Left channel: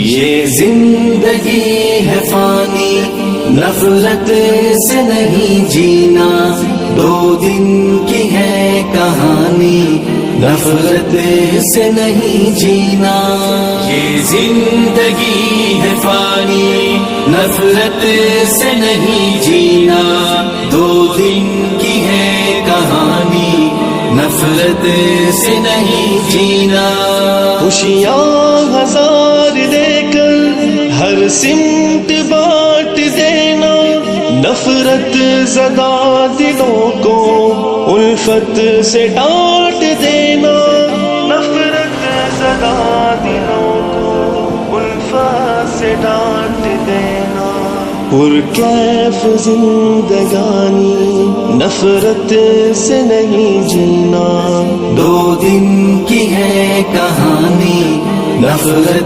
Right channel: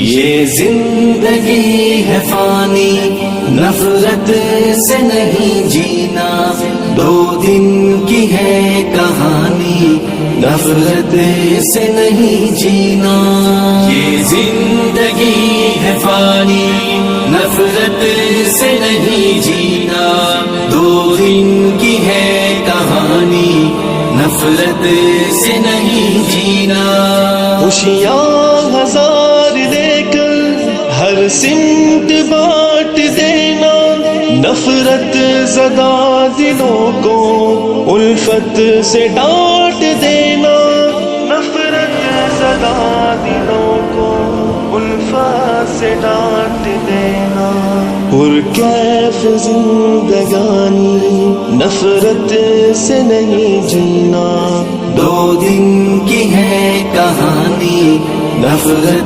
ये जिंदगी है फानी, नफरत से नहीं जीना, 2 दिन की है कहानी, नफरत से नहीं जीना। ये जिंदगी है फानी, नफरत से नहीं जीना, 2 दिन की है कहानी, नफरत से नहीं जीना। खुशियाँ हजार लेकर हर सिमत बांट देना, नफरत ज़दा दिलों को उल्फत से डांट देना, नफरत ज़दा दिलों को उल्फत से डांट देना। पुरकैफ जिंदगानी, नफरत से नहीं जीना, 2 दिन की है कहानी, नफरत